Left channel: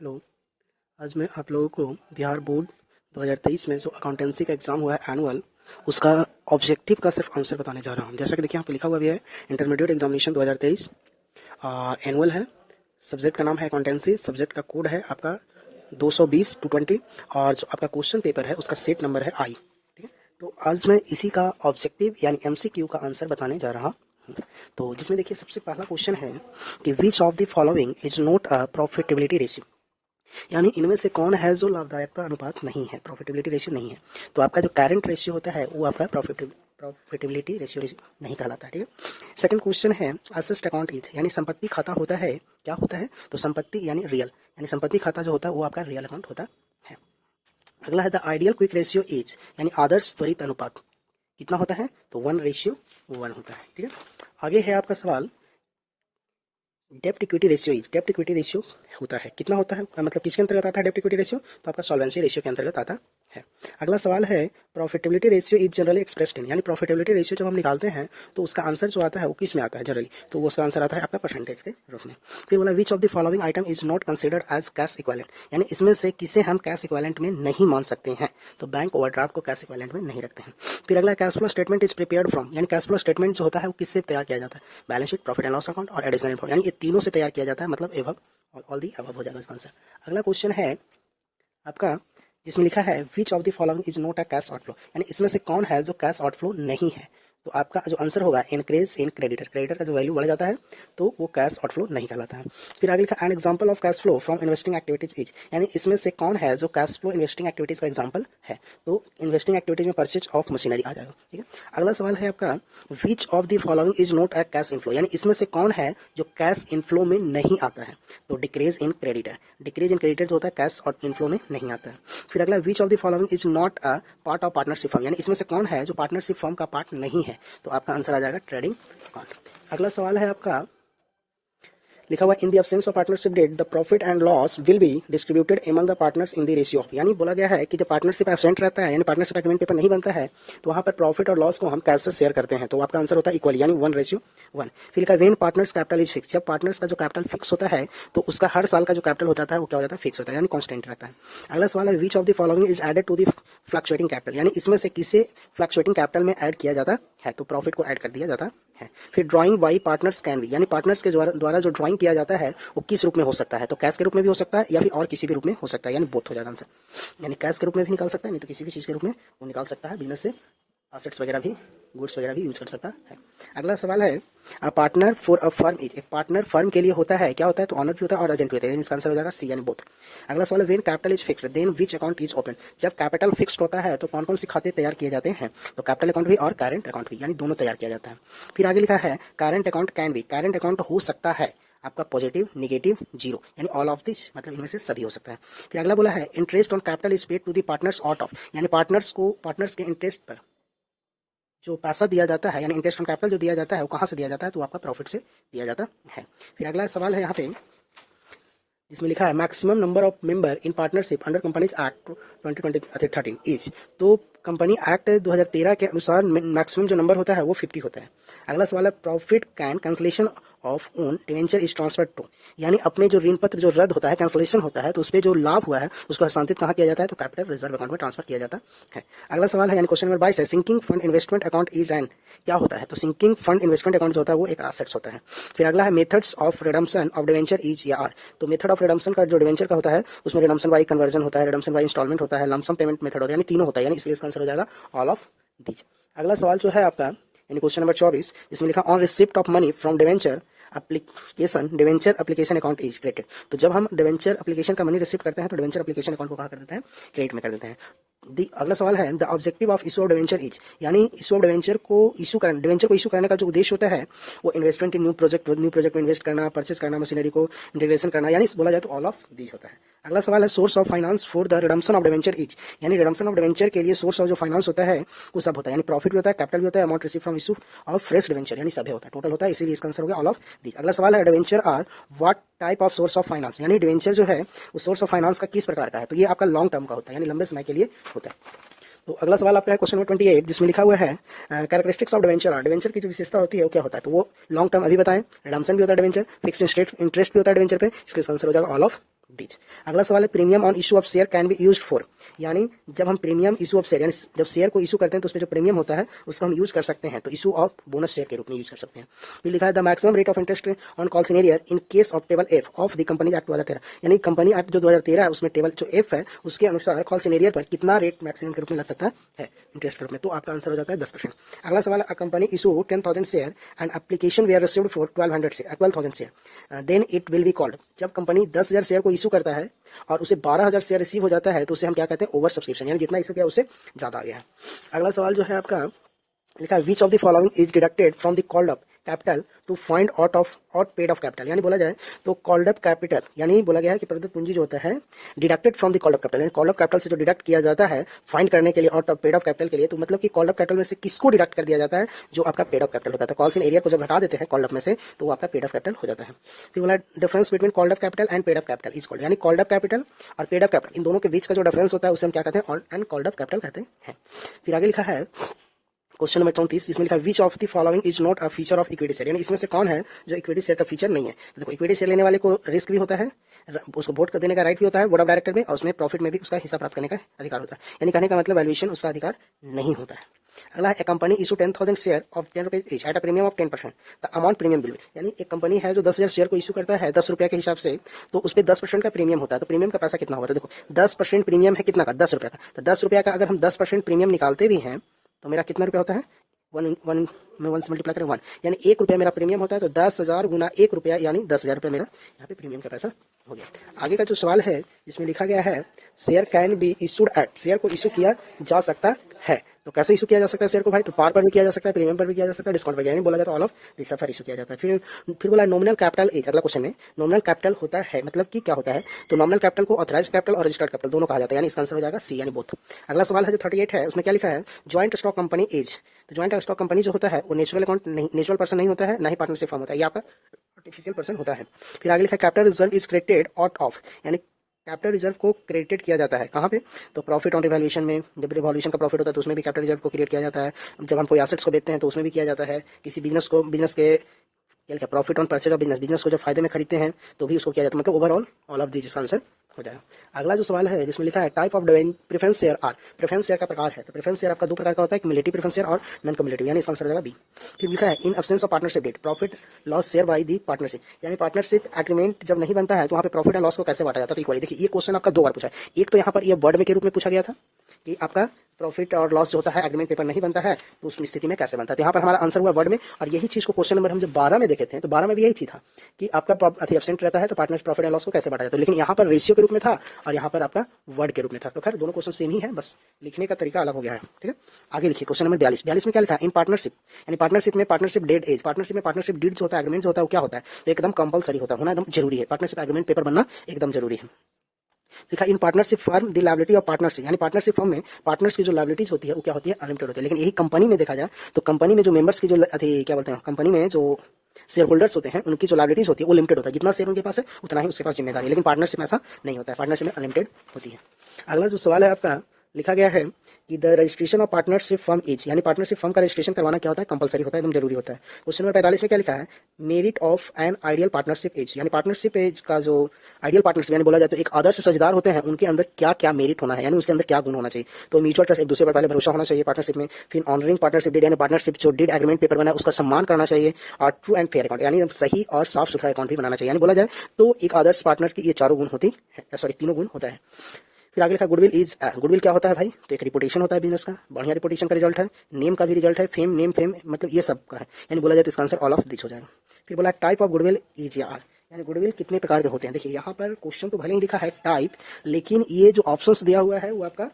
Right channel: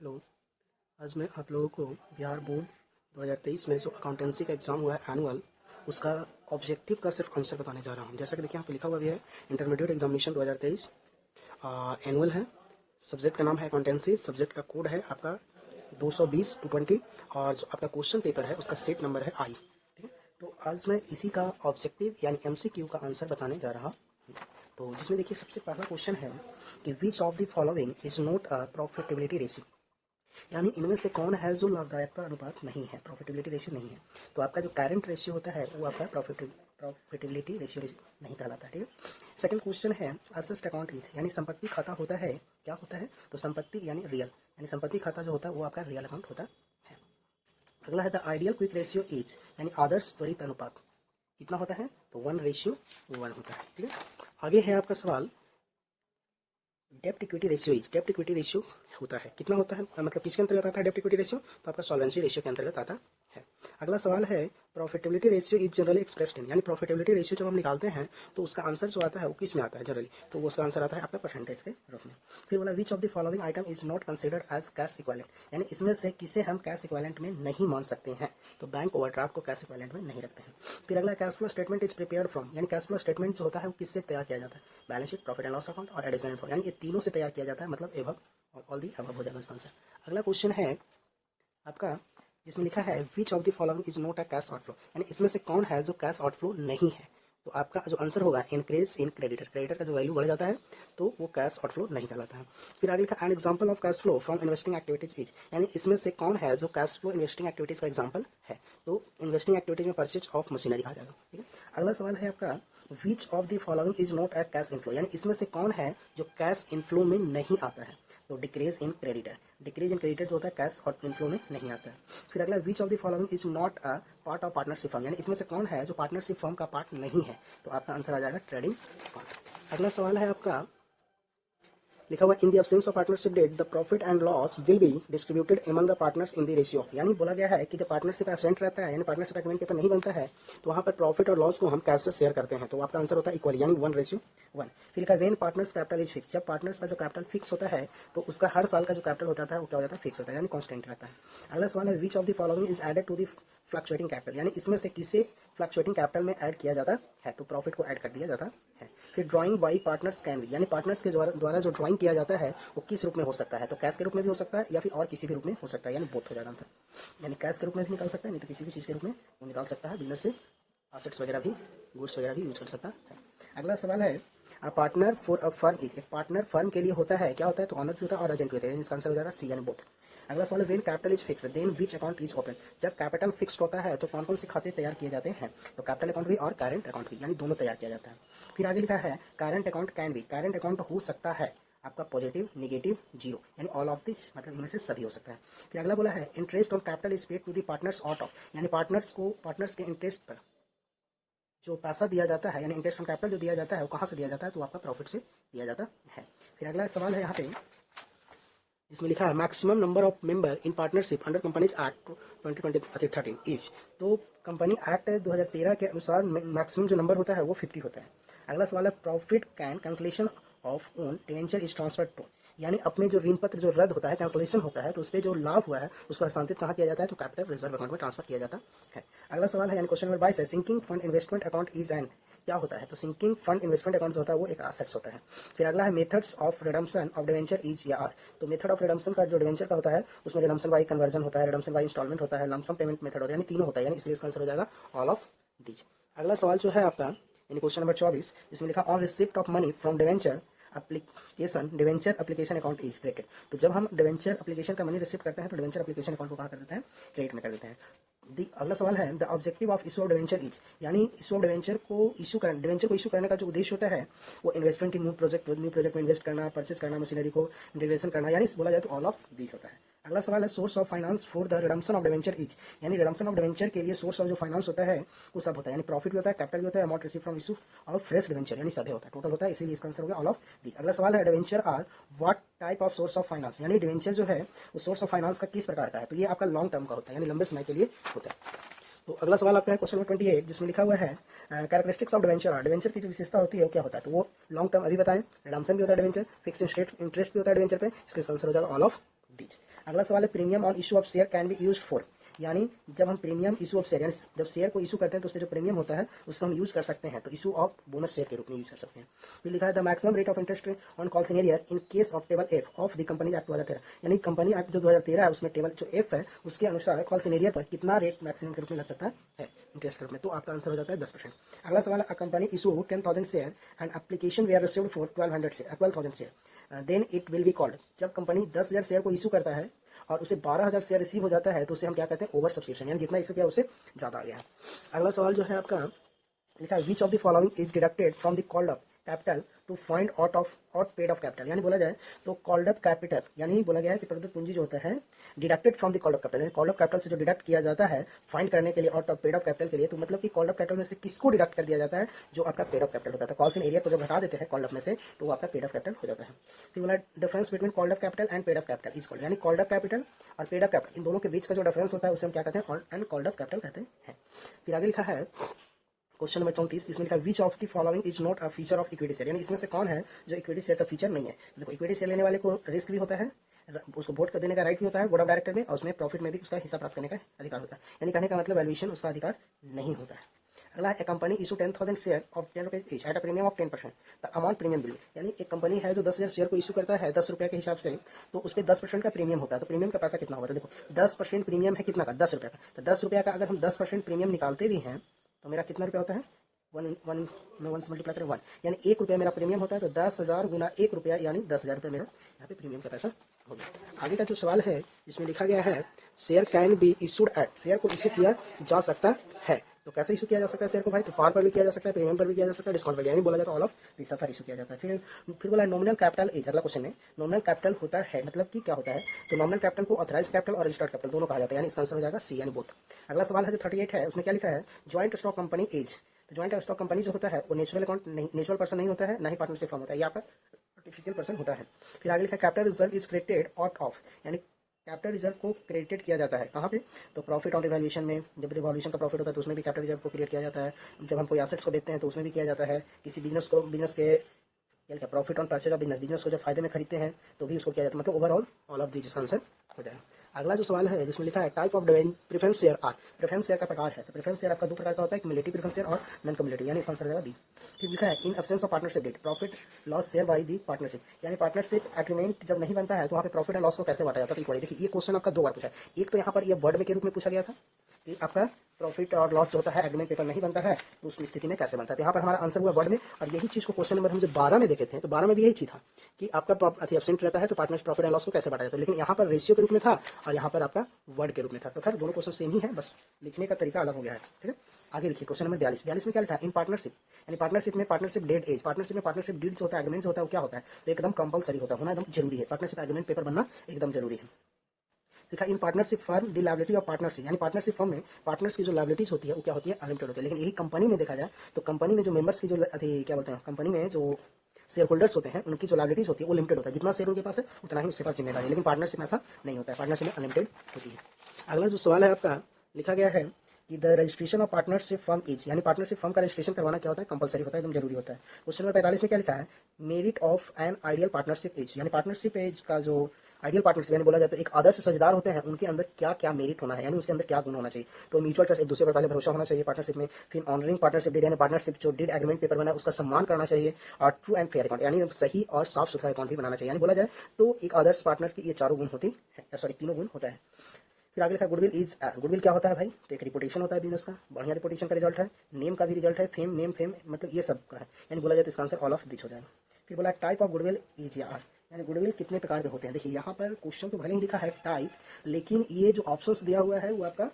Hello. आज मैं आप लोगों को बिहार बोर्ड 2023 में जो अकाउंटेंसी का एग्ज़ाम हुआ है एनुअल, उसका ऑब्जेक्टिव का सिर्फ आंसर बताने जा रहा हूँ। जैसा कि देखिए यहाँ पे लिखा हुआ भी है, इंटरमीडिएट एग्जामिनेशन 2023 एनुअल है। सब्जेक्ट का नाम है अकाउंटेंसी, सब्जेक्ट का कोड है आपका 220-220 और जो आपका क्वेश्चन पेपर है उसका सेट नंबर है आई। ठीक है, तो आज मैं इसी का ऑब्जेक्टिव यानी MCQ का आंसर बताने जा रहा हूँ। तो जिसमें देखिए सबसे पहला क्वेश्चन है कि विच of the following is not a profitability ratio, यानी इनमें से कौन है जो लाभदायकता अनुपात नहीं है, प्रॉफिटेबिलिटी रेशियो नहीं है। तो आपका जो करंट रेशियो होता है वो आपका प्रॉफिटेबिलिटी रेशियो नहीं कहलाता है। ठीक है, सेकंड क्वेश्चन है असेस्ट अकाउंट इज, यानी संपत्ति खाता होता है, क्या होता है? तो संपत्ति यानी रियल, यानी संपत्ति खाता जो होता है वो आपका रियल अकाउंट होता है। अगला है the ideal quick ratio is, यानी आदर्श त्वरित अनुपात कितना होता है? तो 1:1 होता है। ठीक है, आगे है आपका सवाल डेप्ट इक्विटी रेशियो इज, डेप्ट इक्विटी रेशियो होता है, कितना होता है, मतलब किसके अंतर्गत आता है डेप्ट इक्विटी रेशियो? तो आपका सॉल्वेंसी रेशियो के अंतर्गत आता है। अगला सवाल है profitability ratio is generally expressed in, यानी प्रॉफिटेबिलिटी रेशियो जब हम निकालते हैं तो उसका आंसर जो आता है वो किस में आता है जनरली? तो उसका आंसर आता है आपका परसेंटेज के रूप में। फिर बोला which of the following item is not considered as cash equivalent, यानी इसमें से किसे हम कैश इक्विवेलेंट में नहीं मान सकते हैं? तो बैंक ओवरड्राफ्ट को कैश इक्विवेलेंट में नहीं रखते हैं। फिर अगला cash flow statement is prepared from, यानी कैश फ्लो स्टेटमेंट जो होता है वो किससे तैयार किया जाता है? Balance sheet, profit and loss account और एडिशनल इनकम, यानी ये तीनों से तैयार किया जाता है, मतलब एबव ऑल दी अबव हो जाएगा इसका आंसर। अगला क्वेश्चन है आपका जिसमें लिखा है which of the following is not a cash outflow, यानी इसमें से कौन है जो कैश आउटफ्लो नहीं है? तो आपका जो आंसर होगा इंक्रीज इन क्रेडिटर, क्रेडिटर का जो वैल्यू बढ़ जाता है तो वो कैश आउटफ्लो नहीं कहलाता है। फिर आगे लिखा an example of cash flow from investing activities is, यानी इसमें से कौन है जो कैश फ्लो इन्वेस्टिंग एक्टिविटीज का एग्जांपल है? तो इन्वेस्टिंग एक्टिविटीज में परचेज ऑफ मशीनरी आ जाएगा। ठीक है, अगला सवाल है आपका which of the following is not a cash inflow, यानी इसमें से कौन है जो कैश इनफ्लो में नहीं आता है? तो decrease in creditor, decrease in creditor जो होता है कैश और इनफ्लो में नहीं आता है। फिर अगला विच of the following is not a part of partnership firm, यानी इसमें से कौन है जो पार्टनरशिप फर्म का पार्ट नहीं है? तो आपका आंसर आ जाएगा ट्रेडिंग पार्ट। अगला सवाल है आपका लिखा हुआ in the absence of partnership deed the profit and loss will be distributed among the partners in the ratio of, यानी बोला गया है कि जब पार्टनरशिप एब्सेंट रहता है यानी पार्टनरशिप एग्रीमेंट पेपर नहीं बनता है तो वहां पर प्रॉफिट और लॉस को हम कैसे शेयर करते हैं? तो आपका आंसर होता है इक्वल, यानी 1:1। फिर लिखा when partners capital is fix, जब पार्टनर्स का जो कैपिटल फिक्स होता है तो उसका हर साल का जो कैपिटल होता है वो क्या हो जाता है? फिक्स होता है, यानी कॉन्स्टेंट रहता है। अगला सवाल है which of the following is added to the fluctuating capital, यानी इसमें से किसे फ्लक्चुएटिंग कैपिटल में ऐड किया जाता है? तो प्रॉफिट को ऐड कर दिया जाता है। फिर drawing by partners can be, यानी पार्टनर्स के द्वारा जो ड्राइंग किया जाता है वो किस रूप में हो सकता है? तो कैश के रूप में भी हो सकता है या फिर और किसी भी रूप में हो सकता है, यानी बोथ हो जाएगा आंसर, यानी कैश के रूप में भी निकाल सकता है नहीं तो किसी भी चीज़ के रूप में वो निकाल सकता है, बिजनेस से एसेट्स वगैरह भी, गुड्स वगैरह भी यूज कर सकता है। अगला सवाल है a partner for a firm is, एक पार्टनर फर्म के लिए होता है, क्या होता है? तो ऑनर भी होता है और एजेंट भी होता है, यानी इसका आंसर हो जाएगा सी, यानी बोथ। अगला सवाल है when capital is fixed then which account is open, जब कैपिटल फिक्स्ड होता है तो कौन कौन से खाते तैयार किए जाते हैं? तो कैपिटल अकाउंट भी और करंट अकाउंट भी, यानी दोनों तैयार किया जाता है। फिर आगे लिखा है current account can be, current account हो सकता है आपका पॉजिटिव, नेगेटिव, जीरो, यानी ऑल ऑफ दिस, मतलब इनमें से सभी हो सकता है। फिर अगला बोला है interest on capital is paid to the partners out of, यानी पार्टनर्स के इंटरेस्ट पर जो पैसा दिया जाता है यानी इंटरेस्ट ऑन कैपिटल जो दिया जाता है वो कहाँ से दिया जाता है? तो आपका प्रॉफिट से दिया जाता है। फिर अगला सवाल है यहाँ पे जिसमें लिखा है maximum number of member in partnership under companies act 2013 is, तो कंपनी एक्ट 2013 के अनुसार मैक्सिमम जो नंबर होता है वो 50 होता है। अगला सवाल है profit can cancellation of own debenture is transfer to, यानी अपने जो ऋण पत्र जो रद्द होता है, कैंसलेशन होता है, तो उस पर जो लाभ हुआ है उसको हस्तांतरित कहाँ किया जाता है? तो कैपिटल रिजर्व अकाउंट में ट्रांसफर किया जाता है। अगला सवाल है यानी क्वेश्चन नंबर 22 है sinking fund investment account is an, क्या होता है? तो सिंकिंग फंड इन्वेस्टमेंट अकाउंट जो होता है वो एक एसेट्स होता है। फिर अगला है methods of redemption of debenture is या आर, तो मेथड ऑफ रिडम्पशन का जो डिवेंचर का होता है उसमें रिडम्पशन बाई कन्वर्जन होता है, रिडम्पशन बाई इंस्टॉलमेंट होता है, लमसम पेमेंट मेथड होता है, यानी तीनों होता है, यानी इसलिए इसका आंसर हो जाएगा ऑल ऑफ दीज। अगला सवाल जो है आपका यानी क्वेश्चन नंबर 24 जिसमें लिखा on receipt of money from debenture application debenture application account is credited, तो जब हम डिवेंचर एप्लीकेशन का मनी रिसीव करते हैं तो डिवेंचर एप्लीकेशन अकाउंट को कहा कर देते हैं? क्रेडिट में कर देते हैं। अगला सवाल है the objective of issue of debenture is, यानी इशू ऑफ डिवेंचर को इशू करने का जो उद्देश्य होता है वो इन्वेस्टमेंट इन न्यू प्रोजेक्ट में इन्वेस्ट करना, परचेज करना, मशीनरी को इंटीग्रेशन करना, यानी बोला जाए तो ऑल ऑफ दीज होता है। अगला सवाल है source of finance for the redemption of debenture is, यानी रिडम्पशन ऑफ डिवेंचर के लिए सोर्स ऑफ जो फाइनेंस होता है वो सब होता है, यानी प्रॉफिट भी होता है, कैपिटल भी होता है, amount receive from issue of fresh debenture, यानी सभी होता है, टोटल होता है, इसीलिए इसका आंसर हो गया ऑल ऑफ दी। अगला सवाल है debenture are what type of source of finance, यानी डिवेंचर जो है वो सोर्स ऑफ फाइनेंस का किस प्रकार का है? तो ये आपका लॉन्ग टर्म का होता है, यानी लंबे समय के लिए होता है। तो अगला सवाल आपका है क्वेश्चन नंबर 28 जिसमें लिखा हुआ है कैरेक्टरिस्टिक्स ऑफ डिवेंचर, डिवेंचर की जो विशेषता होती है वो क्या होता है? तो वो लॉन्ग टर्म अभी बताएं, रिडम्पशन भी होता है डिवेंचर, फिक्स इंटरेस्ट भी होता है डिवेंचर पे, इसके आंसर हो जाएगा ऑल ऑफ दीज। अगला सवाल है premium on issue of share can be used for, यानी जब हम प्रीमियम इशू ऑफ शेयर यानी जब शेयर को इशू करते हैं तो उसमें जो प्रीमियम होता है उसको हम यूज कर सकते हैं, तो इशू ऑफ बोनस शेयर के रूप में यूज कर सकते हैं। फिर लिखा है the maximum rate of interest on call in arrear in case of table F of the company act 2013, यानी कंपनी एक्ट जो 2013 है उसमें टेबल जो एफ है उसके अनुसार कॉल सिनेरियर पर कितना रेट मैक्सिमम के रूप में लग सकता है इंटरेस्ट रेट में, तो आपका आंसर हो जाता है 10%। अगला सवाल है company issue 10,000 share and application were received for 12,000 share then it will be called, जब कंपनी 10,000 शेयर को इशू करता है और उसे 12,000 शेयर रिसीव हो जाता है तो उसे हम क्या कहते हैं ओवर सब्सक्रिप्शन, यानी जितना इशू किया उससे ज्यादा आ गया है। अगला सवाल जो है आपका लिखा है which of the following is deducted from the called up capital to find out of out paid of capital, यानी बोला जाए तो कॉल्ड अप कैपिटल यानी बोला गया है कि प्रदत्त पूंजी जो होता है deducted from the called up capital, यानी कॉल्ड अप कैपिटल से जो डिडक्ट किया जाता है फाइंड करने के लिए out of paid of capital के लिए, तो मतलब कि कॉल्ड अप कैपिटल में से किसको डिडक्ट कर दिया जाता है, जो आपका पेड ऑफ कैपिटल होता है। तो कॉल्स इन एरिया को जब हटा देते हैं कॉल्ड अप में से तो वो आपका पेड ऑफ कैपिटल हो जाता है। फिर बोला difference between called up capital and paid of capital is called, यानी कॉल्ड अप कैपिटल और पेड ऑफ कैपिटल इन दोनों के बीच का जो डिफरेंस होता है उसे हम क्या कहते हैं एंड कॉल्ड अप कैपिटल कहते हैं। फिर आगे लिखा है क्वेश्चन नंबर 34, इसमें लिखा है which of the following is not a feature of equity share, यानी इसमें से कौन है जो इक्विटी शेयर का फीचर नहीं है। तो देखो इक्विटी शेयर लेने वाले को रिस्क भी होता है, उसको वोट देने का राइट भी होता है बोर्ड ऑफ डायरेक्टर में, और उसमें प्रॉफिट में भी उसका हिस्सा प्राप्त करने का अधिकार होता है, यानी कहने का मतलब वैल्यूएशन उसका अधिकार नहीं होता है। अगला है कंपनी इशू 10,000 शेयर ऑफ 10 रुपए each at a premium of 10%, the amount premium bill, यानी एक कंपनी है जो 10,000 शेयर को इशू करता है 10 रुपये के हिसाब से, तो उस पर 10% का प्रीमियम होता है। तो प्रीमियम का पैसा कितना होगा, तो देखो 10% प्रीमियम है कितना का 10 रुपये का, तो 10 रुपये का अगर हम 10% प्रीमियम निकालते भी हैं तो मेरा कितना रुपया होता है, वन में 1 से मल्टीप्लाई करें 1, यानी 1 रुपया मेरा प्रीमियम होता है, तो 10,000 गुना 1 रुपया यानी 10,000 रुपया मेरा यहाँ पे प्रीमियम का पैसा हो गया। आगे का जो सवाल है इसमें लिखा गया है share can be issued at, share को इशू किया जा सकता है, तो कैसे इशू किया जा सकता है शेयर को भाई, तो पार पर भी किया जा सकता है, प्रीमियम पर भी किया जा सकता है, डिस्काउंट पर, यानी बोला जाता है ऑल ऑफ दिस पर इशू किया जाता है। फिर बोला नॉमिनल कैपिटल एज, अगला क्वेश्चन में नॉमिनल कैपिटल होता है मतलब कि क्या होता है, तो नॉमिनल कैपिटल को ऑथराइज कैपिटल और रजिस्टर्ड कैपिटल दोनों कहा जाता है, यानी इसका आंसर हो जाएगा सी यानी बोथ। अगला सवाल है जो 38 है उसमें क्या लिखा है ज्वाइंट स्टॉक कंपनी एज, तो ज्वाइंट स्टॉक कंपनी जो होता है वो नेचुरल अकाउंट नहीं, नेचुरल पर्सन नहीं होता है, ना ही पार्टनरशिप फॉर्म होता है, ये आपका आर्टिफिशियल पर्सन होता है। फिर आगे लिखा है capital reserve is credited out of, यानी कैपिटल रिजर्व को क्रेडिटेड किया जाता है कहाँ पे, तो प्रॉफिट ऑन रिवैल्यूएशन में, जब रिवॉल्यूशन का प्रॉफिट होता है तो उसमें भी कैपिटल रिजर्व को क्रिएट किया जाता है, जब हम कोई एसेट्स को बेचते हैं तो उसमें भी किया जाता है, किसी बिजनेस के क्या लिखा profit on purchase of business को जब फायदे में खरीदते हैं तो भी उसको किया जाता है, मतलब ओवरऑल ऑल ऑफ दी जिसका आंसर हो जाएगा। अगला जो सवाल है जिसमें लिखा है type of preference share are, preference share का प्रकार है, तो प्रेफरेंस शेयर आपका दो प्रकार का होता है, क्युमुलेटिव प्रेफरेंस शेयर और नॉन क्युमुलेटिव, यानी इसका आंसर हो जाएगा बी। फिर लिखा है in absence of partnership deed profit loss share by the partnership, यानी पार्टनरशिप एग्रीमेंट जब नहीं बनता है तो वहाँ पे प्रॉफिट एंड लॉस को कैसे बांटा जाता है। इक्वली देखिए ये क्वेश्चन आपका 2 बार पूछा है, एक तो यहाँ पर ये वर्ड में के रूप में पूछा गया था कि आपका प्रॉफिट और लॉस जो होता है एग्रीमेंट पेपर नहीं बनता है तो उस स्थिति में कैसे बनता है, तो यहाँ पर हमारा आंसर हुआ वर्ड में, और यही चीज को क्वेश्चन नंबर हम जब 12 में देखे थे तो 12 में भी यही चीज था कि आपका एब्सेंट रहता है तो पार्टनर्स प्रॉफिट एंड लॉस को कैसे बांटा जाता है, लेकिन यहाँ पर रेशियो के रूप में था और यहाँ पर आपका वर्ड के रूप में था, तो खैर दोनों क्वेश्चन सेम ही है, बस लिखने का तरीका अलग हो गया है। ठीक है, आगे लिखिए क्वेश्चन नंबर 42 में क्या लिखा है इन पार्टनरशिप, यानी पार्टनरशिप में पार्टनरशिप डेट एज, पार्टनरशिप में पार्टनरशिप डीड जो होता है एग्रीमेंट जो होता है वो क्या होता है, तो एकदम कंपलसरी होता है, होना एकदम जरूरी है, पार्टनरशिप एग्रीमेंट पेपर बनना एकदम जरूरी है। लिखा in partnership firm the liability of partnership, यानी पार्टनरशिप फर्म में पार्टनर्स की जो लायबिलिटीज होती है वो क्या होती है अनलिमिटेड होती है, लेकिन यही कंपनी में देखा जाए तो कंपनी में जो मेंबर्स की जो क्या बोलते हैं कंपनी में जो शेयर होल्डर्स होते हैं उनकी जो लायबिलिटीज होती है वो लिमिटेड होता है, जितना शेयर उनके पास है उतना ही उसके पास जिम्मेदारी है, लेकिन पार्टनरशिप में ऐसा नहीं होता है, पार्टनरशिप में अनलिमिटेड होती है। अगला जो सवाल है आपका लिखा गया है कि the registration of partnership firm as, यानी पार्टनरशिप फर्म का रजिस्ट्रेशन करवाना क्या होता है कंपलसरी होता है, एकदम जरूरी होता है। क्वेश्चन नंबर 45 में क्या लिखा है merit of an ideal partnership as, यानी पार्टनरशिप एज का जो आइडियल पार्टनरशिप यानी बोला जाए तो एक आदर्श साझेदार होते हैं उनके अंदर क्या क्या मेरिट होना है, यानी उसके अंदर क्या गुण होना चाहिए, तो म्यूचुअल ट्रस्ट एक दूसरे पर पहले भरोसा होना चाहिए पार्टनरशिप में, फिर ऑनरिंग पार्टनरशिप डेड यानी पार्टनरशिप जो डेड एग्रीमेंट पेपर बना है उसका सम्मान करना चाहिए, और ट्रू एंड फेयर अकाउंट यानी सही और साफ सुथरा अकाउंट भी बनाना चाहिए, यानी बोला जाए तो एक आदर्श पार्टनर की ये चारों गुण होती है, सॉरी तीनों गुण होता है। फिर आगे लिखा गुडविल इज, गुडविल क्या होता है भाई, तो एक रिपोर्टेशन होता है बिजनेस का, बढ़िया रिपोर्टेशन का रिजल्ट है, नेम का भी रिजल्ट है, फेम नेम फेम मतलब ये सब का है, यानी बोला जाए तो इसका आंसर ऑल ऑफ दिस हो जाएगा। फिर बोला टाइप ऑफ गुडविल इज यार, यानी गुडविल कितने प्रकार के होते हैं, देखिए यहाँ पर क्वेश्चन तो भले ही लिखा है टाइप, लेकिन ये जो ऑप्शंस दिया हुआ है वो आपका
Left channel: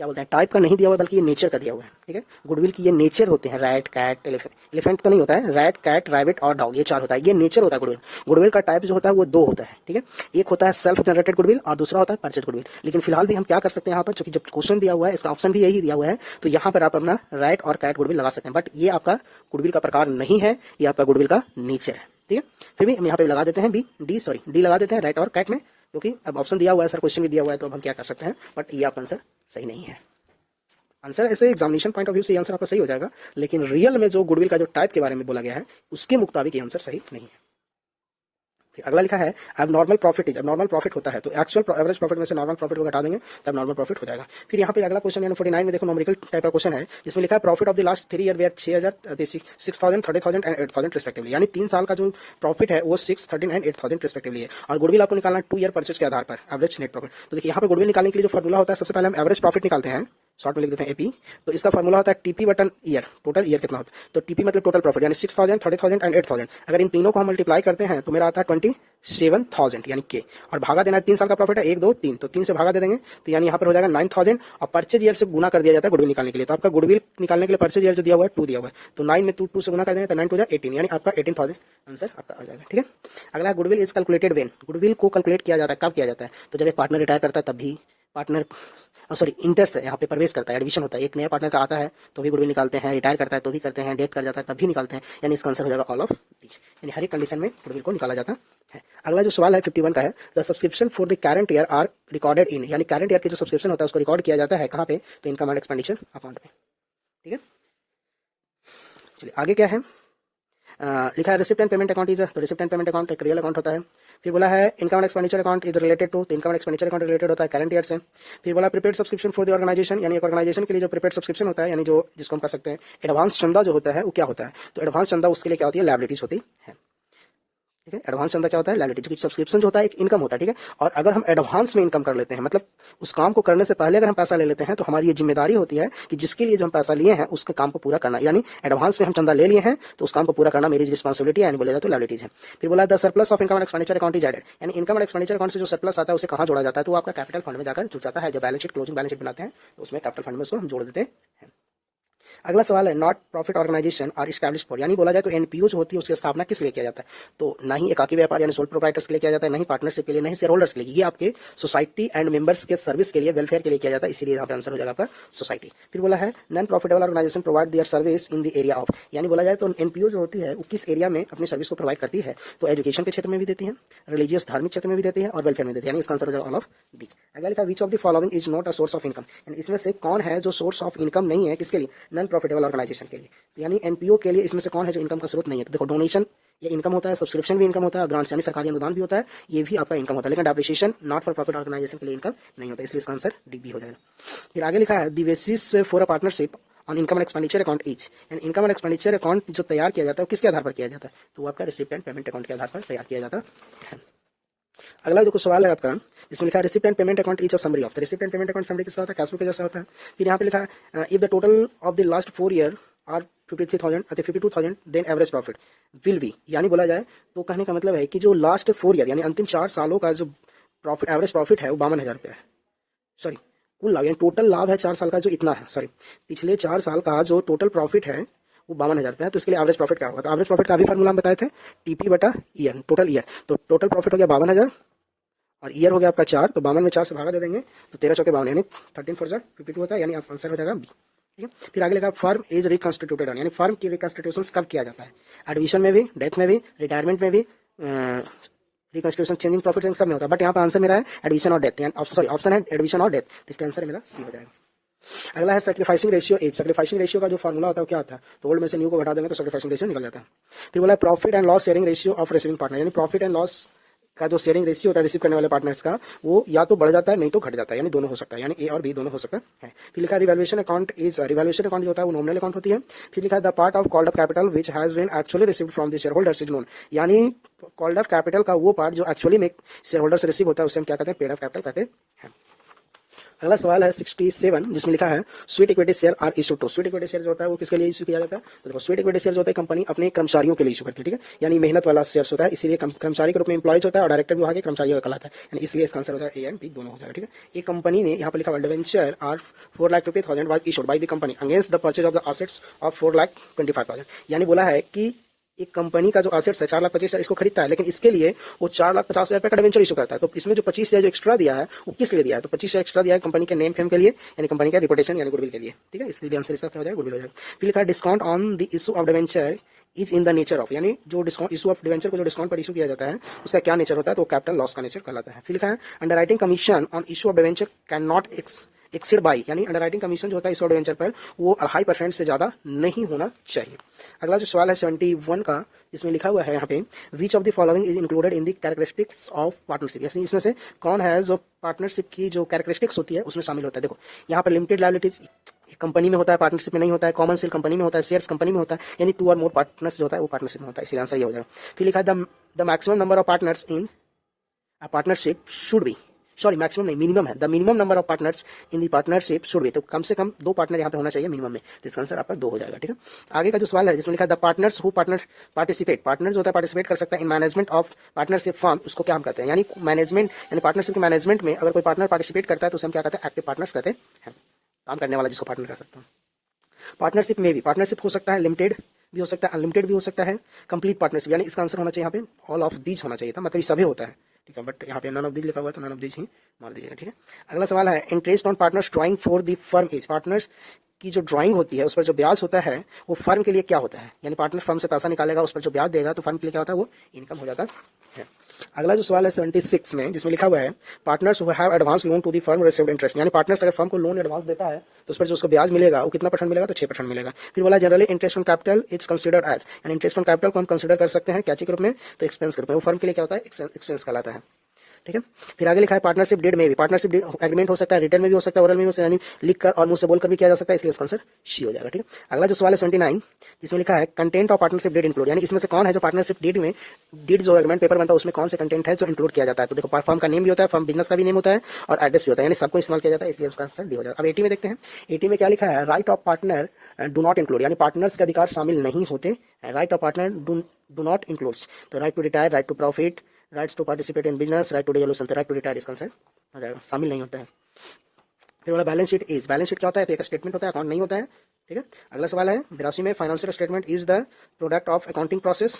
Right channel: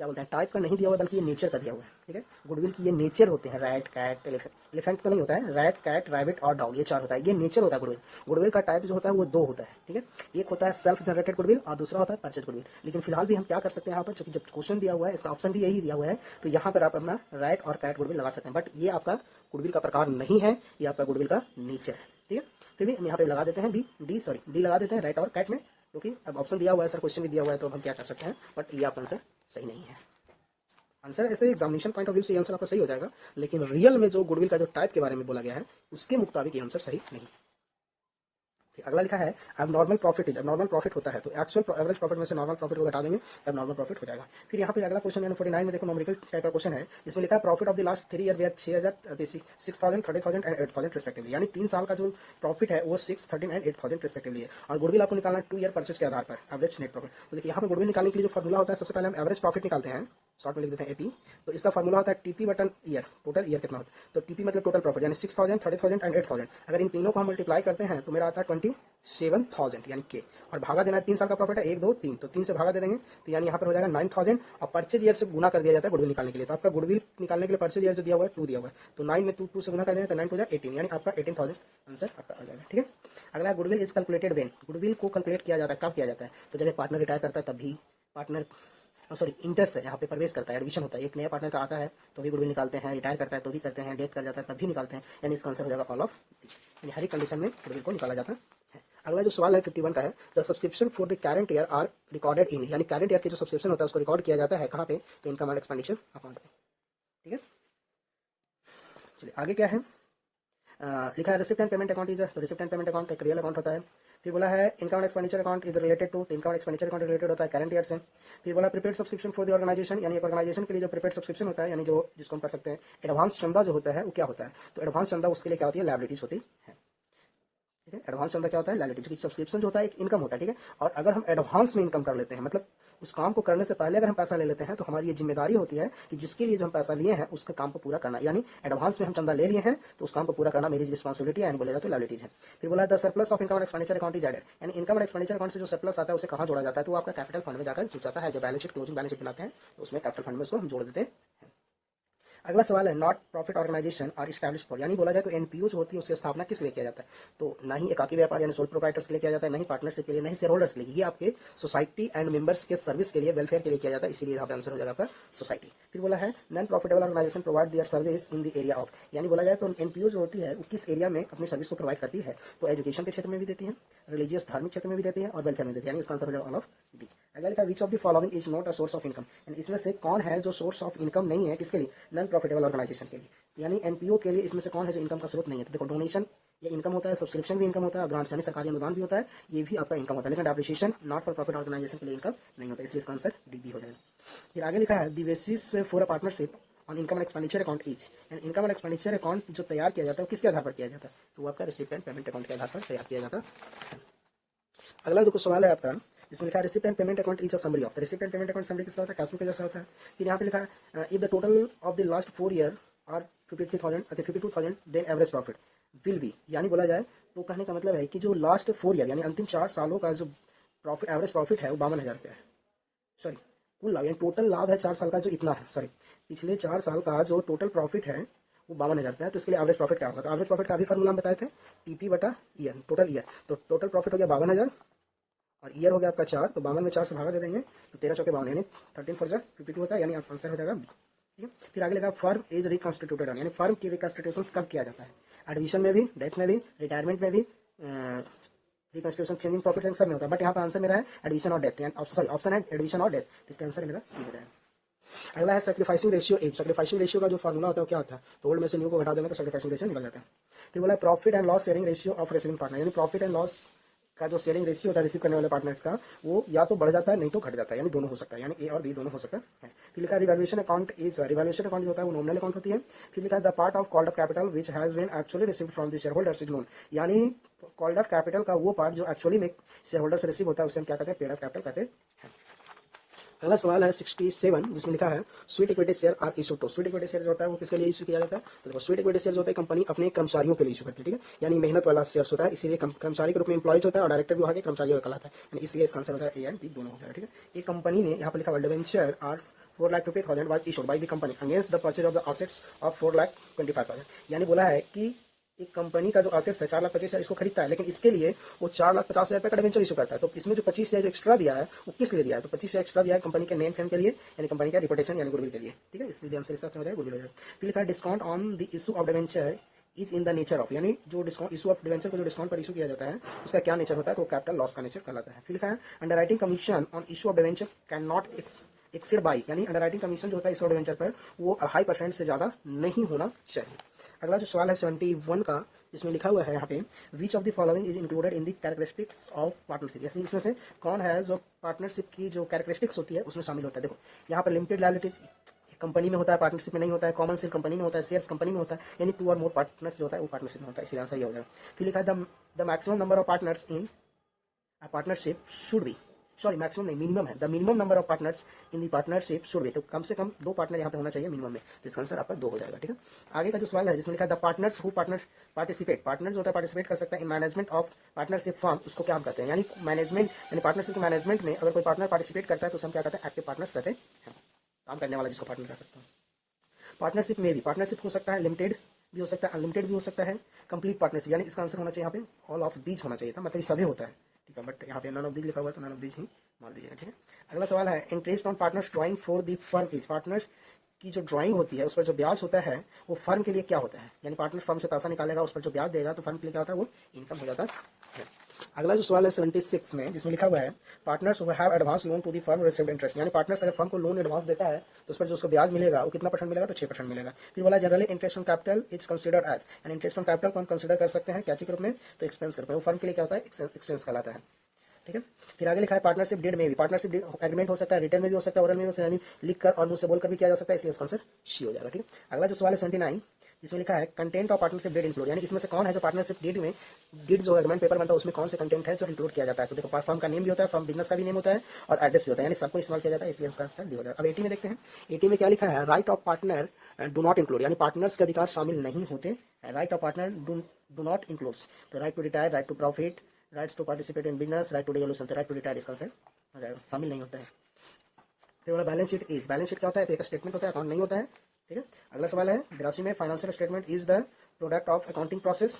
क्या बोलते हैं टाइप का नहीं दिया हुआ बल्कि ये नेचर का दिया हुआ है। ठीक है, गुडविल की ये नेचर होते हैं, रैट कैट एलिफेंट तो नहीं होता है, रैट कैट रैबिट और डॉग ये 4 होता है, ये नेचर होता है गुडविल। गुडविल का टाइप जो होता है वो 2 होता है। ठीक है, एक होता है सेल्फ जनरेटेड गुडविल और दूसरा होता है परचेज गुडविल, लेकिन फिलहाल भी हम क्या कर सकते हैं यहाँ पर चूंकि जब क्वेश्चन दिया हुआ है इसका ऑप्शन भी यही दिया हुआ है तो यहाँ पर आप अपना रैट और कैट गुडविल लगा सकते हैं, बट ये आपका गुडविल का प्रकार नहीं है, ये आपका गुडविल का नेचर है। ठीक है, फिर भी हम यहाँ पे लगा देते हैं डी लगा देते हैं रैट और कैट में, क्योंकि अब ऑप्शन दिया हुआ है सर क्वेश्चन भी दिया हुआ है तो अब हम क्या कर सकते हैं, बट ये आपका आंसर सही नहीं है। आंसर ऐसे एग्जामिनेशन पॉइंट ऑफ व्यू से आंसर आपका सही हो जाएगा, लेकिन रियल में जो गुडविल का जो टाइप के बारे में बोला गया है उसके मुताबिक ये आंसर सही नहीं है। फिर अगला लिखा है अब नॉर्मल प्रॉफिट इज, अब नॉर्मल प्रॉफिट होता है तो एक्चुअल एवरेज प्रॉफिट में से नॉर्मल प्रॉफिट को घटा देंगे तब नॉर्मल प्रॉफिट हो जाएगा। फिर यहाँ पे अगला क्वेश्चन यानी 49 में देखो न्यूमेरिकल टाइप का क्वेश्चन है जिसमें लिखा है profit of the last 3 year were 6000 6000 30,000 and 8000 respectively, यानी 3 साल का जो प्रॉफिट है वो 6, 13 एंड 8000 रिस्पेक्टिवली है। और गुडविल आपको निकालना है 2 ईयर परचेज के आधार पर एवरेज नेट प्रॉफिट। तो देखिए यहाँ पे गुडविल निकालने के लिए जो फॉर्मूला होता है सबसे पहले हम एवरेज प्रॉफिट निकालते हैं, शॉर्ट में लिख देते हैं एपी। तो इसका फॉर्मूला होता है TP button year, total year कितना होता है, तो टीपी मतलब टोटल प्रॉफिट यानी 6000 30,000 एंड 8000। अगर इन तीनों को हम मल्टीप्लाई करते हैं तो मेरा आता है 27,000 यानी के, और भागा देना है 3 साल का प्रॉफिट है 1 2 3, तो 3 से भागा दे देंगे तो यानी यहाँ पर हो जाएगा 9000 और परचेज ईयर से गुना कर दिया जाता है गुडविल निकालने के लिए। तो आपका गुडविल निकालने के लिए परचेज ईयर जो दिया हुआ है 2 दिया हुआ है, तो 9 में 2 से गुना कर देंगे तो 9 हो जाएगा 18, यानी आपका 18,000 आंसर आपका आ जाएगा। ठीक है, अगला goodwill is calculated when, goodwill को कैलकुलेट किया जाता है कब किया जाता है, तो जब एक पार्टनर रिटायर करता है तब भी, पार्टनर सॉरी इंटर्स है यहाँ पे प्रवेश करता है, एडमिशन होता है, एक नया पार्टनर का आता है तो भी गुडविल निकालते हैं, रिटायर करता है तो भी करते हैं, डेथ कर जाता है तब भी निकालते हैं, यानी इसका आंसर हो जाएगा ऑल ऑफ दीज, यानी हर एक कंडीशन में गुडविल को निकाला जाता है। अगला जो सवाल है 51 का है, the subscription for the current year are recorded in, यानी करंट ईयर के जो सब्सक्रिप्शन होता है उसको रिकॉर्ड किया जाता है कहाँ पे, तो इनकम एंड एक्सपेंडिचर अकाउंट पे। ठीक है, चलिए आगे क्या है, लिखा है receipt and payment account is, तो रिसिप्ट एंड पेमेंट अकाउंट एक रियल अकाउंट होता है। फिर बोला है income and expenditure account is related to, तो income and expenditure account related होता है करंट ईयर से। फिर बोला prepaid subscription for the organisation, यानी एक ऑर्गेनाइजेशन के लिए जो प्रीपेड सब्सक्रिप्शन होता है, यानी जो जिसको हम कह सकते हैं एडवांस चंदा जो होता है वो क्या होता है, तो एडवांस चंदा उसके लिए क्या होती है, लायबिलिटीज होती है। ठीक है, एडवांस चंदा क्या होता है, लायबिलिटी, जो सब्सक्रिप्शन जो होता है एक इनकम होता है। ठीक है, और अगर हम एडवांस में इनकम कर लेते हैं, मतलब उस काम को करने से पहले अगर हम पैसा ले लेते हैं तो हमारी ये जिम्मेदारी होती है कि जिसके लिए जो हम पैसा लिए हैं उसके काम को पूरा करना, यानी एडवांस में हम चंदा ले लिए हैं तो उस काम को पूरा करना मेरी रिस्पांसिबिलिटी है, यानी बोला जाए तो लायबिलिटीज है। फिर बोला the surplus of income and expenditure account is added, यानी इनकम एंड एक्सपेंडिचर अकाउंट से जो सरप्लस आता है उसे कहाँ जोड़ा जाता है, तो आपका कैपिटल फंड में जाकर जुड़ जाता है। जब balance sheet closing balance sheet बनाते हैं तो उसमें कैपिटल फंड में उसको हम जोड़ देते हैं। अगला सवाल है not profit organisation are established for, यानी बोला जाए तो एनपीओ जो होती है उसकी स्थापना किस लिए किया जाता है, तो ना ही एकाकी व्यापार यानी सोल प्रोप्राइटर्स के लिए किया जाता है, नहीं पार्टनरशिप के लिए, नहीं शेयर होल्डर्स के लिए, ये आपके सोसाइटी एंड मेंबर्स के सर्विस के लिए, वेलफेयर के लिए किया जाता है, इसीलिए यहाँ पे आंसर हो जाएगा आपका सोसाइटी। फिर बोला है non profitable organisation provide their service in the area of, यानी बोला जाए तो एनपीओ जो होती है वो किस एरिया में अपनी सर्विस को प्रोवाइड करती है, तो एजुकेशन के क्षेत्र में भी देती है, रिलीजियस धार्मिक क्षेत्र में भी देती है और वेलफेयर में देती है, यानी इसका आंसर हो जाएगा ऑल ऑफ दी। अगला लिखा विच of the following is not a source of income, यानी इसमें से कौन है जो सोर्स ऑफ इनकम नहीं है, किसके लिए, नॉन प्रॉफिटेबल ऑर्गेनाइजेशन के लिए, यानी एनपीओ के लिए इसमें से कौन है जो इनकम का स्रोत नहीं है, तो देखो डोनेशन ये इनकम होता है, सब्सक्रिप्शन भी इनकम होता है, ग्रांट्स यानी सरकारी अनुदान भी होता है, ये भी आपका इनकम होता है, लेकिन depreciation not for profit organisation के लिए इनकम नहीं होता, इसलिए इसका आंसर डी बी हो जाएगा। फिर आगे लिखा है the basis for a partnership on income and expenditure account is, यानी इनकम एंड एक्सपेंडिचर अकाउंट जो तैयार किया जाता है वो किसके आधार पर किया जाता है, तो वो आपका रिसिप्ट एंड पेमेंट अकाउंट के आधार पर तैयार किया जाता है। अगला जो कुछ सवाल है आपका इसमें लिखा है receipt and payment account is a summary of, receipt and payment account summary किसका होता है, कैश बुक के जैसा होता है। फिर यहाँ पे लिखा है if the total of the last 4 year are 53,000 अथवा 52,000 then average profit will be, यानी बोला जाए तो कहने का मतलब है कि जो लास्ट 4 ईयर यानी अंतिम 4 सालों का जो प्रॉफिट एवरेज प्रॉफिट है वो 52,000 रुपया है, सॉरी कुल लाभ यानी टोटल लाभ है 4 साल का जो इतना है, सॉरी पिछले 4 साल का जो टोटल प्रॉफिट है वो 52,000 रुपया है, तो इसके लिए एवरेज प्रॉफिट क्या होगा, तो एवरेज प्रॉफिट का भी फार्मूला हम बताए थे टीपी बटा ईयर, टोटल ईयर, तो टोटल प्रॉफिट हो गया 52,000 और ईयर हो गया आपका 4, तो 52 में 4 से भागा दे देंगे तो 13 चौके 52 यानी 13 4 52 होता है, यानी आपका आंसर हो जाएगा बी। ठीक है, फिर आगे लिखा फर्म इज रिकॉन्स्टिट्यूटेड, यानी फर्म की रिकॉन्स्टिट्यूशन कब किया जाता है, एडमिशन में भी, डेथ में भी, रिटायरमेंट में भी, रिकॉन्स्टिट्यूशन चेंजिंग प्रॉफिट सब में होता है, बट यहाँ पर आंसर मेरा है एडमिशन और डेथ, सॉरी ऑप्शन है एडमिशन और डेथ, तो इसका आंसर मेरा सी हो जाएगा। अगला है sacrificing ratio as, sacrificing ratio का जो फार्मूला होता है क्या होता है, तो ओल्ड में से न्यू को घटा देंगे तो सैक्रिफाइसिंग रेशियो निकल जाता है। फिर बोला profit and loss sharing ratio of receiving partner, यानी प्रॉफिट एंड लॉस का जो शेयरिंग रेशियो होता है रिसीव करने वाले पार्टनर्स का वो या तो बढ़ जाता है नहीं तो घट जाता है, यानी दोनों हो सकता है, यानी ए और बी दोनों हो सकता है। फिर लिखा है revaluation account is, revaluation account जो होता है वो नॉमिनल अकाउंट होती है। फिर लिखा है the part of called up capital which has been actually received from the share holders is known, यानी कॉल्ड अप कैपिटल का वो पार्ट जो एक्चुअली में शेयर होल्डर से रिसीव होता है उसे हम क्या कहते हैं, पेड अप कैपिटल कहते हैं। अगला सवाल है 67 जिसमें लिखा है sweet equity share are issue to, sweet equity share जो होता है वो किसके लिए इशू किया जाता है, तो देखो स्वीट इक्विटी शेयर जो होता है कंपनी अपने कर्मचारियों के लिए इशू करती है, ठीक है, यानी मेहनत वाला शेयर्स होता है, इसीलिए कर्मचारी के रूप में एम्प्लॉयज होता है और डायरेक्टर भी वहाँ के कर्मचारियों का कहलाता है, यानी इसलिए इसका आंसर होता है ए एंड बी दोनों हो जाएगा। ठीक है, एक कंपनी ने यहाँ पर लिखा world venture are 4,50,000 was issued by the company against the purchase of the assets of 4,25,000, यानी बोला है कि एक कंपनी का जो एसेट्स है 4,25,000 इसको खरीदता है, लेकिन इसके लिए वो 4,50,000 रुपये का डिवेंचर इशू करता है, तो इसमें जो 25,000 जो एक्स्ट्रा दिया है वो किस लिए दिया है, तो 25,000 एक्स्ट्रा दिया है कंपनी के नेम फेम के लिए, यानी कंपनी का रिपोर्टेशन यानी गुडविल के लिए। ठीक है, इसलिए आंसर इसका क्या हो जाएगा, गुडविल हो जाएगा। फिर लिखा है discount on the issue of debenture is in the nature of, यानी जो डिस्काउंट इशू ऑफ डिवेंचर को जो डिस्काउंट पर इशू किया जाता है उसका क्या नेचर होता है, तो कैपिटल लॉस का नेचर कहलाता है। फिर लिखा है underwriting commission on issue of debenture can not exceed by, यानी अंडरराइटिंग कमीशन जो होता है इस वेंचर पर वो 2.5% से ज़्यादा नहीं होना चाहिए। अगला जो सवाल है 71 का, इसमें लिखा हुआ है यहाँ पे, विच of the following is included in the characteristics of partnership, यानी इसमें से कौन है जो पार्टनरशिप की जो कैरेक्टरिस्टिक्स होती है उसमें शामिल होता है। देखो यहाँ पर लिमिटेड लायबिलिटीज कंपनी में होता है, पार्टनरशिप में नहीं होता है, कॉमन सेल कंपनी में होता है, शेयर्स कंपनी में होता है, यानी 2 और मोर पार्टनर्स जो होता है वो पार्टनरशिप में होता है, इसलिए आंसर ये हो जाएगा। फिर लिखा है the maximum number of partners in a partnership should be, sorry maximum नहीं, मिनिमम है, the minimum number of partners in the partnership should be, तो कम से कम 2 पार्टनर यहाँ पे होना चाहिए मिनिमम में, तो इसका आंसर आपका 2 हो जाएगा। ठीक है, आगे का जो सवाल है जिसमें लिखा है the partners who participate, partner जो होता है पार्टिसिपेट कर सकता है in management of partnership firm, उसको क्या हम कहते हैं, यानी मैनेजमेंट यानी पार्टनरशिप के मैनेजमेंट में अगर कोई पार्टनर पार्टिसिपेट करता है तो उसे हम क्या कहते हैं, एक्टिव पार्टनर्स कहते हैं, काम करने वाला जिसको पार्टनर कर सकते हैं। पार्टनरशिप में भी पार्टनरशिप हो सकता है, लिमिटेड भी हो सकता है, अनलिमिटेड भी हो सकता है, कंप्लीट पार्टनरशिप, यानी इसका आंसर होना चाहिए यहाँ पे ऑल ऑफ दीज होना चाहिए था, मतलब ये सभी होता है। ठीक है, बट यहाँ पे नन ऑफ दीज लिखा हुआ है तो नन ऑफ दीज ही मार दीजिएगा। ठीक है, अगला सवाल है interest on partners drawing for the firm is, partners की जो ड्राइंग होती है उस पर जो ब्याज होता है वो फर्म के लिए क्या होता है, यानी पार्टनर फर्म से पैसा निकालेगा उस पर जो ब्याज देगा तो फर्म के लिए क्या होता है, वो इनकम हो जाता है। अगला जो सवाल है 76 में जिसमें लिखा हुआ है partners who have advance loan to the firm received interest, यानी पार्टनर्स अगर फर्म को लोन एडवांस देता है तो उस पर जो उसको ब्याज मिलेगा वो कितना % मिलेगा, तो 6% मिलेगा। फिर बोला generally interest on capital is considered as, यानी इंटरेस्ट ऑन कैपिटल को हम कंसिडर कर सकते हैं क्या के रूप में, तो एक्सपेंस के रूप में, वो फर्म के लिए क्या होता है, एक्सपेंस कहलाता है। ठीक है, फिर आगे लिखा है पार्टनरशिप डीड में भी, पार्टनरशिप एग्रीमेंट हो सकता है, रिटर्न में भी हो सकता है, ओरल में भी हो सकता है, यानी लिख कर और मुंह से बोलकर भी किया जा सकता है, इसलिए इसका आंसर सी हो जाएगा। ठीक है, अगला जो सवाल है 79 जिसमें लिखा है content of partnership deed include, यानी इसमें से कौन है जो पार्टनरशिप डीड में डीड जो एग्रीमेंट पेपर बनता है उसमें कौन से कंटेंट है जो इंक्लूड किया जाता है। तो देखो फर्म का नेम भी होता है, फर्म बिजनेस का भी नेम होता है और एड्रेस भी होता है, यानी सबको इस्तेमाल किया जाता है, इसलिए इसका आंसर डी हो जाएगा। अब 80 में देखते हैं, 80 में क्या लिखा है, right of partner do not include, यानी पार्टनर्स के अधिकार शामिल नहीं होते, right of partner do not includes, तो right to retire, right to profit, rights to participate in business, right to dissolution, तो राइट टू रिटायर इसका आंसर हो जाएगा, शामिल नहीं होता है। फिर वाला balance sheet is, balance sheet क्या होता है, तो एक स्टेटमेंट होता है, अकाउंट नहीं होता है। ठीक है, अगला सवाल है 82 में financial statement is the product of accounting process,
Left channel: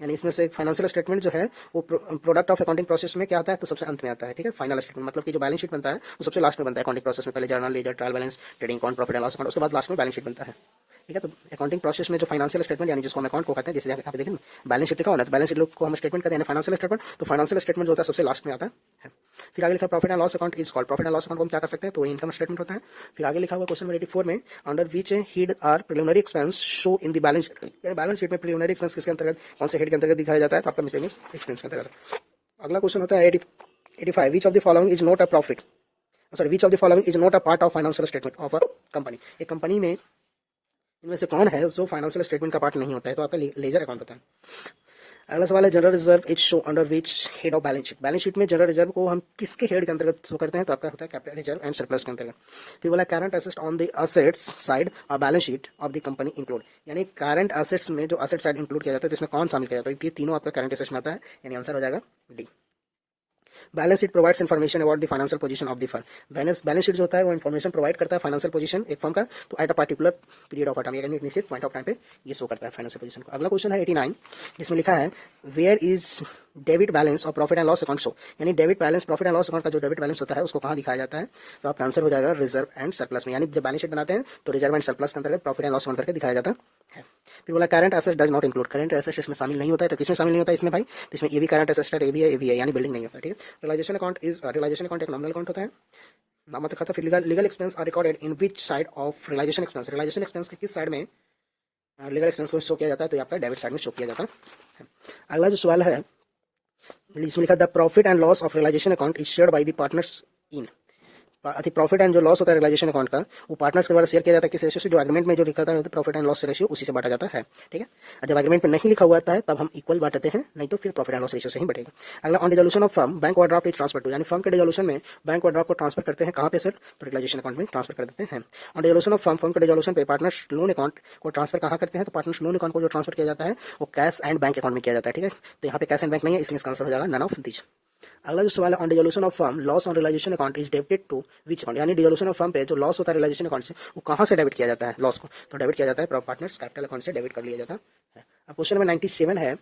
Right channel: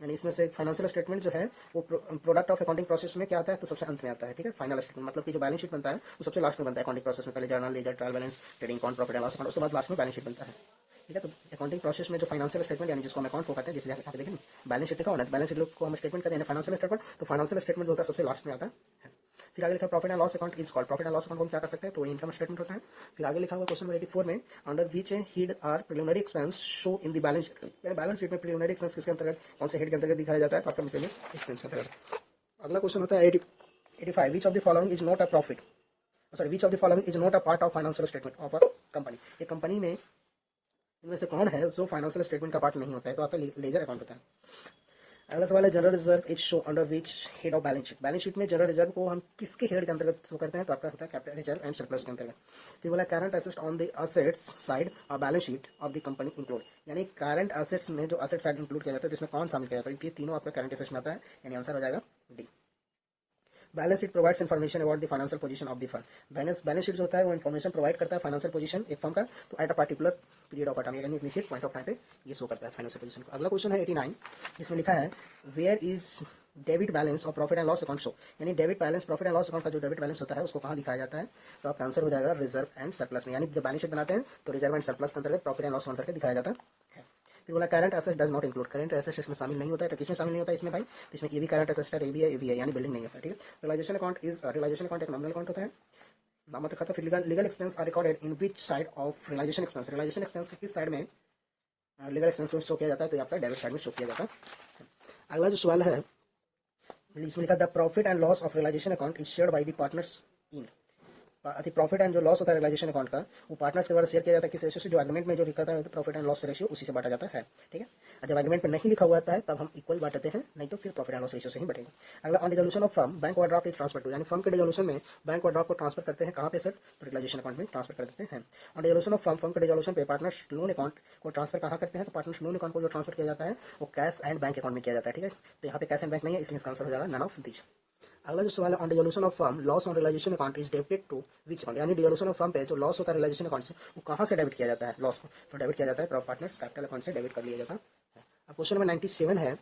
यानी इसमें से फाइनेंशियल स्टेटमेंट जो है वो प्रोडक्ट ऑफ अकाउंटिंग प्रोसेस में क्या आता है, तो सबसे अंत में आता है। ठीक है, फाइनल स्टेटमेंट मतलब कि जो बैलेंस शीट बनता है वो सबसे लास्ट में बनता है अकाउंटिंग प्रोसेस में, पहले journal ledger trial balance trading account profit and loss account, उसके बाद लास्ट में बैलेंस शीट बनता है। ठीक है, तो अकाउंटिंग प्रोसेस में जो फाइनेंशियल स्टेटमेंट यानी जिसको हम अकाउंट को कहते हैं, जैसे यहाँ पे देखें बैलेंस शीट लिखा होना है तो बैलेंस शीट को हम स्टेटमेंट कहते हैं, फाइनेंशियल स्टेटमेंट, तो फाइनेंशियल स्टेटमेंट जो होता है सबसे लास्ट में आता है। फिर आगे लिखा profit and loss account is called, profit and loss account को हम क्या कर सकते हैं, तो इनकम स्टेटमेंट होता है। फिर आगे लिखा हुआ क्वेश्चन नंबर 84 में under which head are preliminary expense show in the balance sheet, यानी बैलेंस शीट में प्रिलिमिनरी एक्सपेंस किसके अंतर्गत, कौन से हेड के अंतर्गत दिखाया जाता है, तो आपका मिसलेनियस एक्सपेंस के अंतर्गत। अगला क्वेश्चन होता है 85 विच of the following is not a profit, sorry which of the following is not a part of financial statement of a company, एक कंपनी में इनमें से कौन है जो फाइनेंशियल स्टेटमेंट का पार्ट नहीं होता है, तो आपका लेजर अकाउंट होता है। अगला सवाल है general reserve is show under which head of balance sheet, balance sheet में जनरल रिजर्व को हम किसके हेड के अंतर्गत शो करते हैं, तो आपका होता है कैपिटल रिजर्व एंड सरप्लस के अंतर्गत। फिर बोला current assets on the assets side और balance sheet of the company include, यानी करंट एसेट्स में जो असेट साइड इंक्लूड किया जाता है तो इसमें कौन शामिल किया जाता है, ये तीनों आपका करंट एसेट्स में आता है, यानी आंसर हो जाएगा D. Balance sheet provides information about the financial position of the firm, balance sheet जो होता है वो इन्फॉर्मेशन प्रोवाइड करता है फाइनेंशियल पोजीशन एक फर्म का, तो at a particular period of time, यानी एक निश्चित पॉइंट ऑफ टाइम पे ये शो करता है फाइनेंशियल पोजीशन को। अगला क्वेश्चन है 89 जिसमें लिखा है वेयर इज डेबिट बैलेंस और profit and loss account show, यानी debit balance profit and loss account का जो डेबिट बैलेंस होता है उसको कहाँ दिखाया जाता है, तो आपका आंसर हो जाएगा रिजर्व एंड सरप्लस में, यानी जब बैलेंस शीट बनाते हैं तो रिजर्व एंड सरप्लस के अंतर्गत प्रॉफिट एंड लॉस अकाउंट करके दिखाया जाता है। फिर बोला current assets does not include, current assets इसमें शामिल नहीं होता है, तो किसमें शामिल नहीं होता है इसमें भाई, तो इसमें ये भी करंट एसेट्स है, ये भी है, यानी बिल्डिंग नहीं होता है। ठीक है, रियलाइजेशन अकाउंट एक नॉमिनल अकाउंट होता है, नाममात्र खाता। फिर legal expense are recorded in which side of realisation expense, realisation expense के किस साइड में लीगल एक्सपेंस को शो किया जाता है, तो आपका डेबिट साइड में शो किया जाता है। अगला जो सवाल है इसमें लिखा the profit and loss of realisation account is shared by the partners in, profit and जो लॉस होता है रियलाइजेशन अकाउंट का वो पार्टनर्स के द्वारा शेयर किया जाता है किस रेशियो से, जो एग्रीमेंट में जो लिखा था प्रॉफिट एंड लॉस रेशियो उसी से बांटा जाता है। ठीक है, जब एग्रीमेंट में नहीं लिखा हुआ है तब हम इक्वल बांटते हैं, नहीं तो फिर प्रॉफिट एंड लॉस रेशियो से ही बढ़ेगा। अगला on dissolution of firm bank overdraft is transfer to, यानी फर्म के डिसोल्यूशन में बैंक ओवरड्राफ्ट को ट्रांसफर करते हैं कहाँ पे सर, तो रियलाइजेशन अकाउंट में ट्रांसफर कर देते हैं। ऑन डिसोल्यूशन ऑफ फर्म के डिसोल्यूशन पे पार्टनर्स लोन अकाउंट को ट्रांसफर कहाँ करते हैं, तो पार्टनर्स लोन अकाउंट को जो ट्रांसफर किया जाता है वो कैश एंड बैंक अकाउंट में किया जाता है। ठीक है, तो यहाँ पे कैश एंड बैंक नहीं है, इसलिए इसका आंसर हो जाएगा नन ऑफ दिस। अगला जो सवाल है on dissolution of firm loss on realisation account is debited to which account, यानी डिसोल्यूशन ऑफ फर्म पे जो लॉस होता है रियलाइजेशन अकाउंट से वो कहाँ से डेबिट किया जाता है, लॉस को तो डेबिट किया जाता है पार्टनर्स कैपिटल अकाउंट से डेबिट कर लिया जाता है। अब क्वेश्चन नंबर 97 है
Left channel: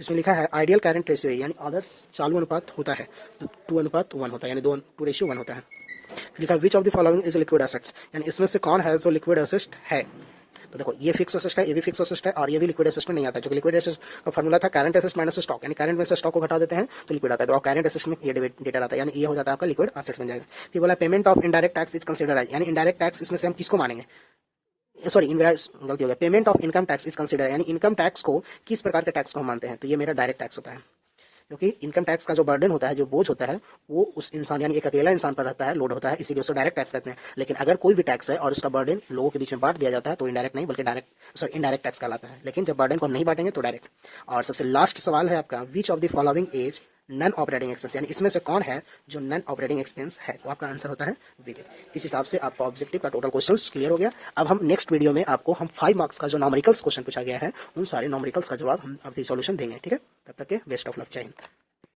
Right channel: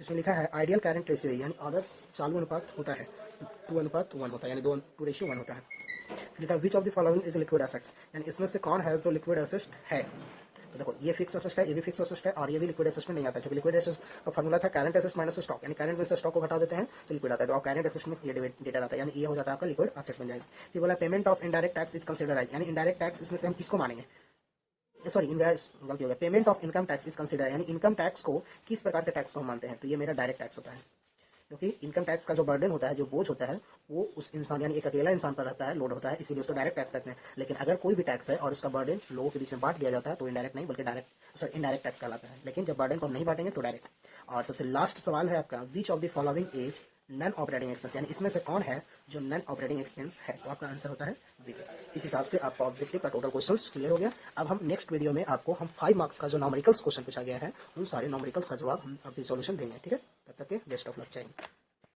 जिसमें लिखा है आइडियल करंट रेशियो, यानी आदर्श चालू अनुपात होता है तो 2:1 होता है, यानी 2:1 होता है। लिखा विच of the following is liquid assets, यानी इसमें से कौन है जो लिक्विड एसेट है, तो देखो ये फिक्स असेट है, ये भी फिक्स असेट है, और ये भी लिक्विड असेट में नहीं आता, जो कि लिक्विड असेट का फॉर्मूला था करंट असेट माइनस स्टॉक, यानी करंट में से स्टॉक को घटा देते हैं तो लिक्विड आता है, तो करंट असेट में ये डेटा आता है, यानी ये हो जाता है आपका लिक्विड असेट्स बन जाएगा। फिर बोला payment of indirect tax is considered as, यानी इनडायरेक्ट टैक्स इसमें से हम किसको मानेंगे, सॉरी गलती हो गया, payment of income tax is consider, यानी इनकम टैक्स को किस प्रकार के टैक्स को हम मानते हैं, तो ये मेरा डायरेक्ट टैक्स होता है, क्योंकि इनकम टैक्स का जो बर्डन होता है, जो बोझ होता है, वो उस इंसान यानी एक अकेला इंसान पर रहता है, लोड होता है, इसीलिए उसको डायरेक्ट टैक्स कहते हैं। लेकिन अगर कोई भी टैक्स है और उसका बर्डन लोगों के बीच में बांट दिया जाता है तो इनडायरेक्ट नहीं बल्कि इनडायरेक्ट टैक्स कहलाता है। लेकिन जब बर्डन को हम नहीं बांटेंगे तो डायरेक्ट। और सबसे लास्ट सवाल है आपका, which of the following as non operating expense, यानी इसमें से कौन है जो नॉन ऑपरेटिंग एक्सपेंस है, तो आपका आंसर होता है विजय। इस हिसाब से आपका ऑब्जेक्टिव का टोटल क्वेश्चंस क्लियर हो गया। अब हम नेक्स्ट वीडियो में आपको हम 5 मार्क्स का जो नॉमेरिकल्स क्वेश्चन पूछा गया है उन सारे नॉमेरिकल्स का जवाब हम अभी सॉल्यूशन देंगे, ठीक है। तब तक के बेस्ट ऑफ लक, जय हिंद।